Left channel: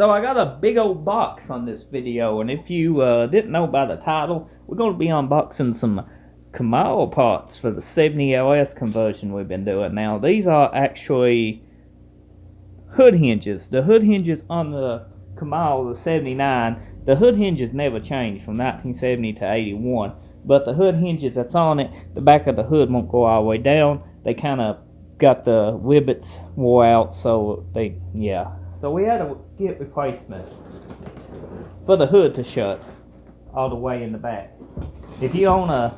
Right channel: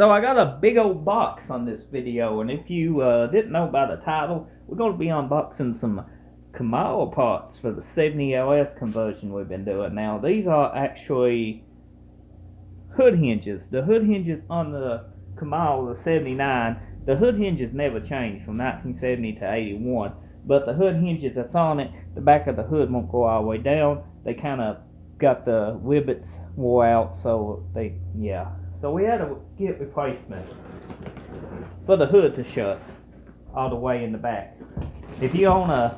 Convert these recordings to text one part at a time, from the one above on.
So I got a big old box on this video, and if you didn't know by the title, we're going to be unboxing some Camaro parts for the 70 LS conversion we've been doing. Now these are actually hood hinges. The hood hinges on the Camaro, the 79, the hood hinges never changed from 1970 to 81, but the hood hinges that's on it, the back of the hood won't go all the way down. They kind of got the rivets wore out, so so we had to get replacements for the hood to shut all the way in the back. If you own a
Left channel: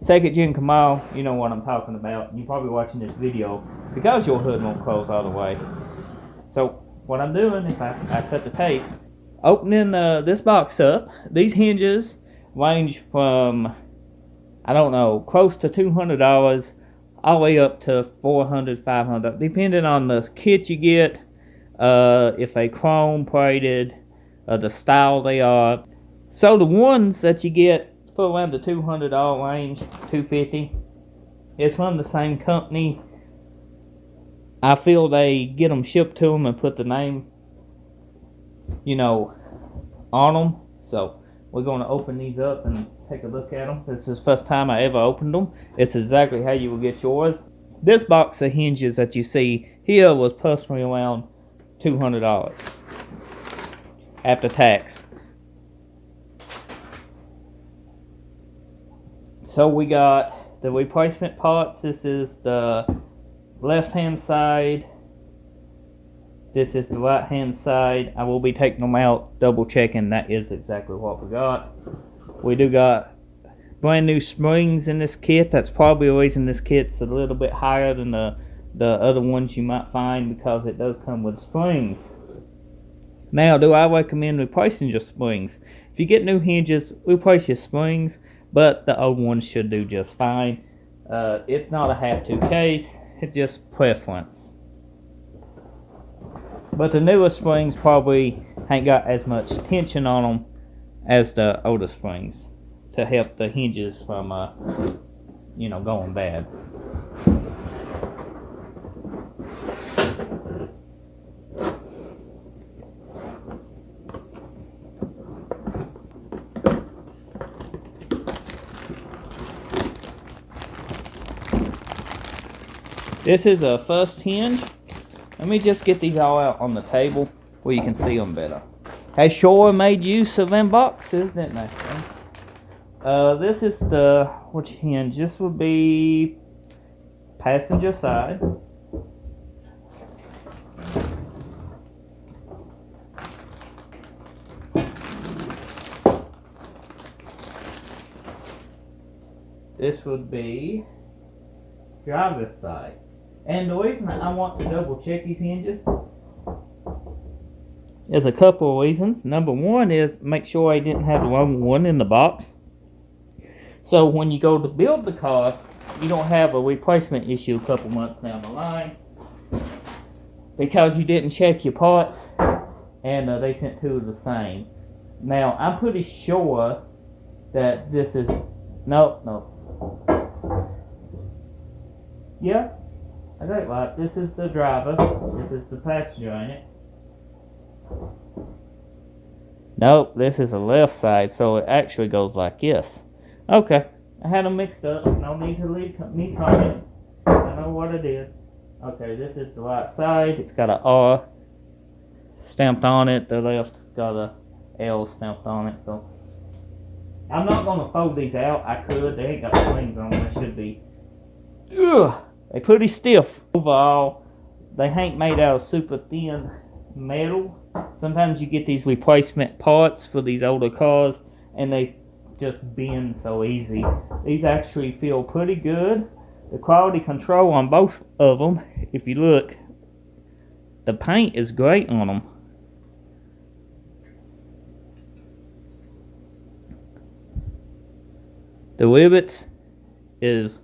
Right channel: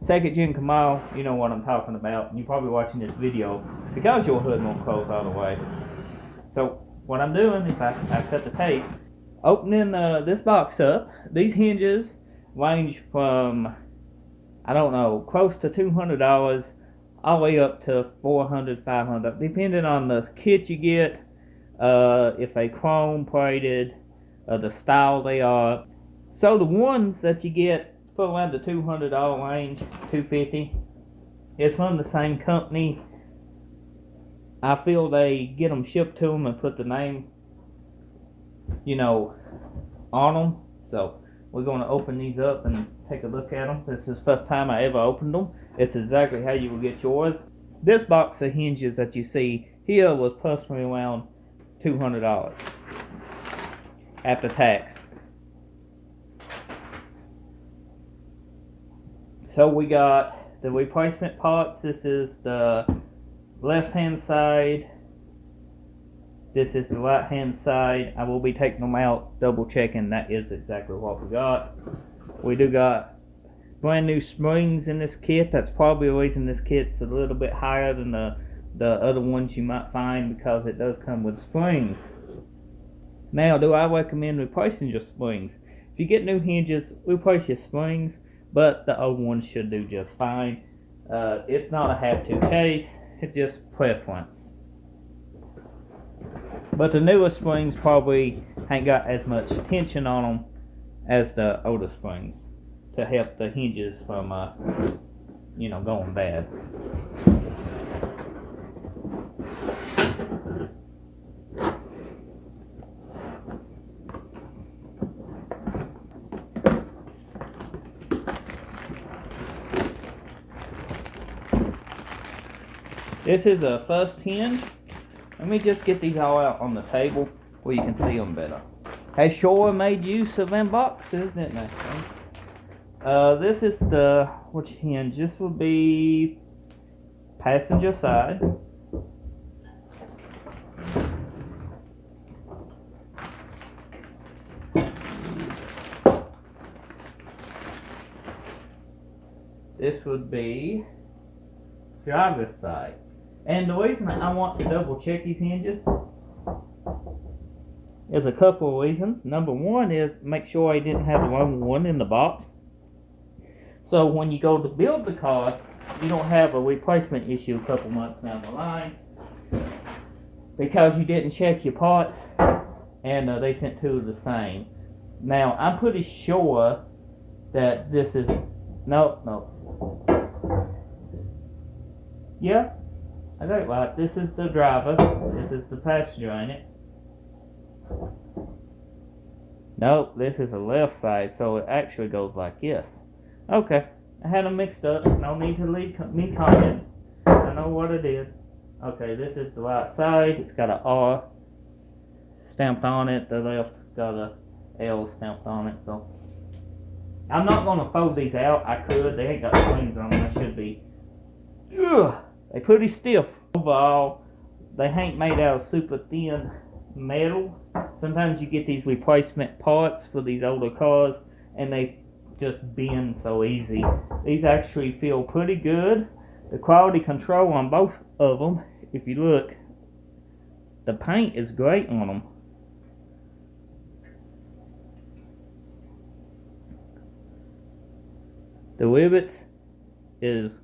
second gen Camaro, you know what I'm talking about. You're probably watching this video because your hood won't close all the way. So what I'm doing is I cut the tape, opening this box up. These hinges range from, I don't know, close to $200 all the way up to $400, $500, depending on the kit you get, if they chrome plated, the style they are. So the ones that you get for around the $200 range, $250, it's from the same company. I feel they get them shipped to them and put the name, on them. So we're going to open these up and take a look at them. This is the first time I ever opened them. It's exactly how you will get yours. This box of hinges that you see here was personally around $200 after tax. So we got the replacement parts. This is the left hand side. This is the right hand side. I will be taking them out, double checking that is exactly what we got. We do got brand new springs in this kit. That's probably the reason this kit's a little bit higher than the other ones you might find, because it does come with springs. Now, do I recommend replacing your springs? If you get new hinges, replace your springs, but the old ones should do just fine. It's not a have-to case, it's just preference. But the newer springs probably ain't got as much tension on them as the older springs to help the hinges from, going bad. This is a first hinge. Let me just get these all out on the table where you can see them better. They sure made use of them boxes, didn't they? This is the, which hinge? This would be passenger side. This would be driver's side. And the reason I want to double check these hinges is a couple of reasons. Number one is make sure I didn't have the wrong one in the box. So when you go to build the car, you don't have a replacement issue a couple months down the line because you didn't check your parts and they sent two of the same. Now, I'm pretty sure that this is, no. Yeah, I got it right. This is the driver. This is the passenger, ain't it? Nope, this is the left side, so it actually goes like this. Okay, I had them mixed up. No need to leave me comments. I know what I did. Okay, this is the right side. It's got an R stamped on it. The left has got a L stamped on it. So I'm not going to fold these out. I could. They ain't got springs on them. They should be. Ugh. They're pretty stiff. Overall, they ain't made out of super thin metal. Sometimes you get these replacement parts for these older cars and they just bend so easy. These actually feel pretty good. The quality control on both of them, if you look, the paint is great on them. The rivets is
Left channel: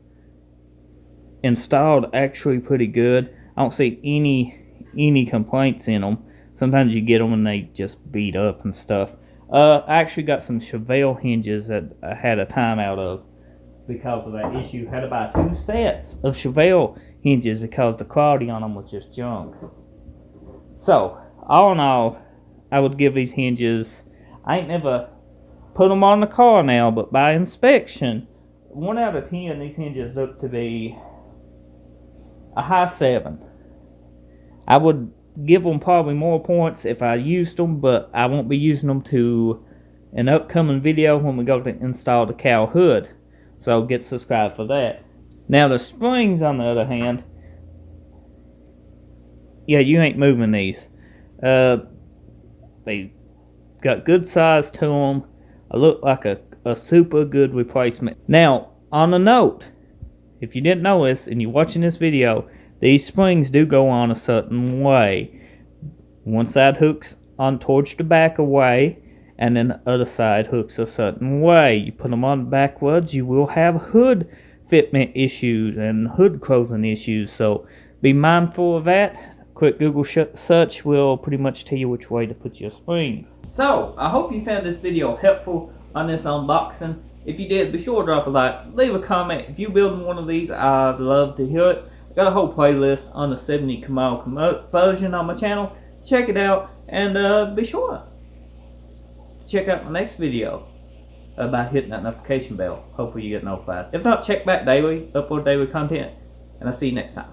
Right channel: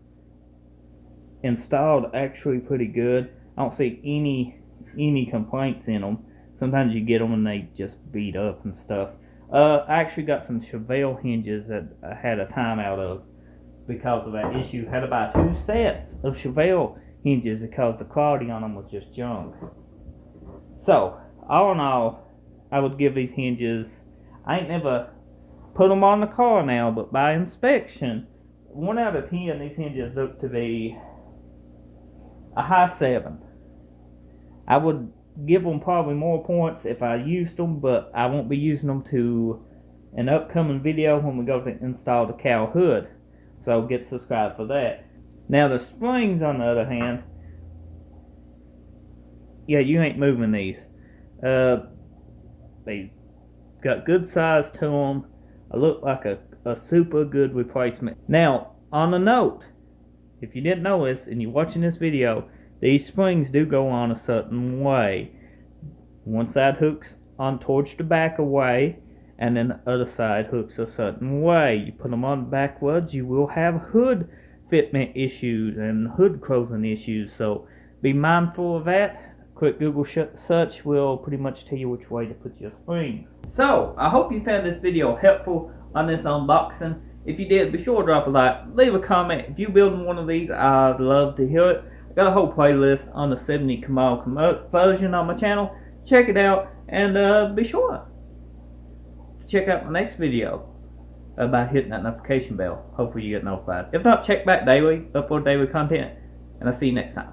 installed actually pretty good. I don't see any complaints in them. Sometimes you get them and they just beat up and stuff. I actually got some Chevelle hinges that I had a time out of because of that issue. Had to buy 2 sets of Chevelle hinges because the quality on them was just junk. So, all in all, I would give these hinges, I ain't never put them on the car now, but by inspection, 1 out of 10, these hinges look to be a high 7. I would give them probably more points if I used them, but I won't be using them to an upcoming video when we go to install the cow hood. So get subscribed for that. Now the springs, on the other hand, yeah, you ain't moving these. They got good size to them. I look like a super good replacement. Now, on a note, if you didn't know this and you're watching this video, these springs do go on a certain way. One side hooks on towards the back away, and then the other side hooks a certain way. You put them on backwards, you will have hood fitment issues and hood closing issues, so be mindful of that. Quick Google search will pretty much tell you which way to put your springs. So, I hope you found this video helpful on this unboxing. If you did, be sure to drop a like, leave a comment. If you're building one of these, I'd love to hear it. I got a whole playlist on the 70 Camaro conversion on my channel. Check it out, and be sure to check out my next video by hitting that notification bell. Hopefully you get notified. If not, check back daily, upload daily content, and I'll see you next time.